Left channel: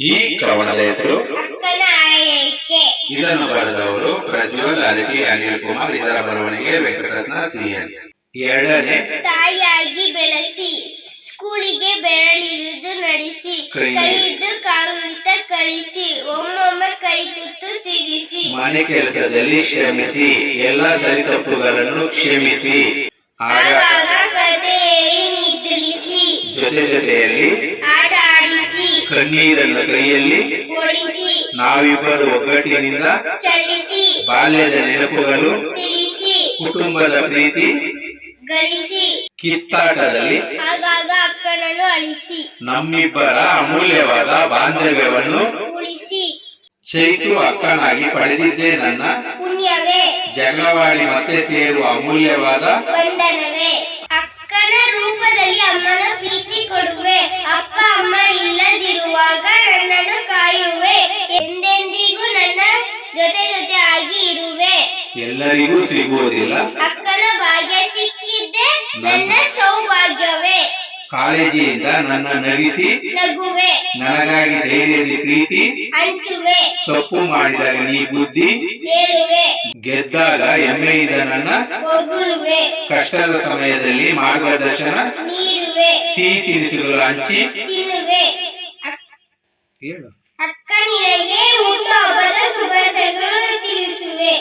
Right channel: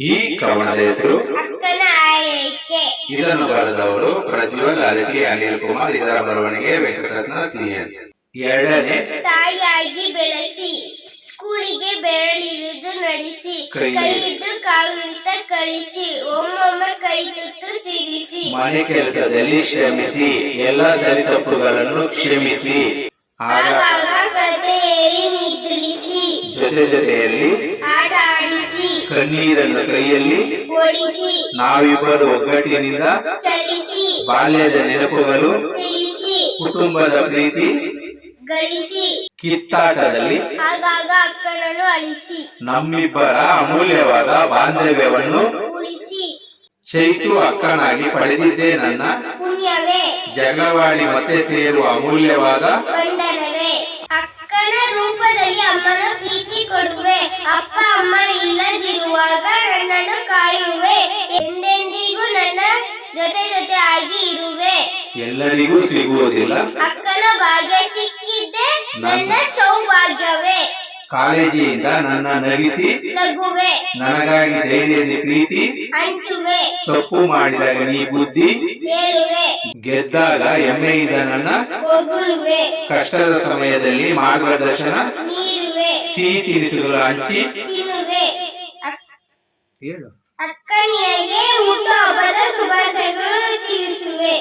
ಈ ಕವನದ ಹೆಸರು ಅಕ್ಕನ ಆರೈಕೆ. ಇದನ್ನು ಬರೆದವರು ಪ್ರಜ್ವಲ್ ಅರಟಿ ಅನಿಲ್ ಕುಮಾರ್. ಇದರ ಬರವಣಿಗೆ ವೆಂಕಟರತ್ನ ಸಿಎನ್. ಎರಡನೇ, ತಾಯಿಯಾಗಿ ಬೆಳೆಸಿ, ಸ್ಕೂಲಿಗೆ ಬೆರಳಿರಿದು ನಡೆಸಿ, ಕೈಯಿದ್ದು ಕಾಗುಣಿತ ಕಳಿಸಿ, ಒಮ್ಮೊಮ್ಮೆ ಕೈ ತುತ್ತು ತಿರಿಸಿ, ಮನೆ ಕೆಲಸದಲ್ಲಿ ಶ್ರಮಿಸಿ, ಎಲ್ಲ ಸರಿತಪ್ಪುಗಳನ್ನು ಕ್ಷಮಿಸಿ, ಆಗಾಗ ಕತೆ ಏರಿ ನಿದ್ರಿಸಿ, ಜೊತೆಯಲ್ಲಿ ಆಟ ಆಡಿಸಿ, ಕಣ್ಣೀರನ್ನು ಕೈಯಲ್ಲಿ ಓಡಿಸಿ, ನಾವಿಬ್ಬರು ಒಗ್ಗಟ್ಟಿನಿಂದ ಚಲಿಸಿ, ಬಾಲ್ಯದ ನೆನಪುಗಳು, ತಿಳಿಸಿ, ಕುಟುಂಬದ ಪ್ರೀತಿ, ಗಳಿಸಿ, ಕಿತ್ತಾಟದಲ್ಲಿ ಆಗಾಗ ಅಕ್ಕನನ್ನು ಅಳಿಸಿ, ನಮ್ಮಿಬ್ಬರ ಅಮೂಲ್ಯವಾದ ಬಾಂಧವ್ಯವನ್ನು ಉಳಿಸಿ, ಚೈತು ಅಕ್ಕನಾಗಿ ಪಡೆದಿದ್ದೇ ನನ್ನ ಪುಣ್ಯವೇ, ಜಗಳವಾಡಿ ಮತ್ತೆ ಸೇರುವ ಅಮೂಲ್ಯವಾದ ಬಂಧನವೇ. ಅಕ್ಕನ ರೂಪದಲ್ಲಿ ಅಮ್ಮನ ಪ್ರೀತಿ ಕೊಡುವೆ, ಅಪ್ಪ ಅಮ್ಮ ಇಲ್ಲದಿರುವಾಗ ನನ್ನನ್ನು ಕಾಯುವೆ, ಎಂದೆಂದಿಗೂ ನನ್ನ ಜೊತೆ ಜೊತೆ ಆಗಿ ಇರುವೆ. ಎಲ್ಲರಿಗೂ ಸಿಗುವುದಿಲ್ಲ, ಅಕ್ಕನ ಭಾಗ್ಯ ಸಿಕ್ಕಿದ್ದೆ ನನ್ನ ಸೌಭಾಗ್ಯವೇ. ಕಾಳಜಿಯಿಂದ ನನ್ನ ನಗಿಸಿ ನಗುವೆ, ನನಗಾಗಿ ಧೈರ್ಯದ ಪ್ರೀತಿ ಹಂಚುವೆ, ತಪ್ಪು ಮಾಡಿದಾಗ ನೀ ಬುದ್ಧಿ ಹೇಳುವೆ, ಗೆದ್ದಾಗ ಹೆಮ್ಮೆಯಿಂದ ನನ್ನ ಹೊಗಳುವೆ, ಕಷ್ಟದ ಸಮಯದಲ್ಲಿ ಮಾರ್ಗದರ್ಶನ ನೀಡುವೆ, ಸಿಹಿ ತಿನಿಸುಗಳು ಹಂಚಿ ತಿನ್ನುವೆ. ಹೇಳು. ಅಕ್ಕ ನಿನಗೆ ಹುಟ್ಟುಹಬ್ಬದ ಶುಭಾಶಯಗಳು ತಿಳಿಸುವೆ.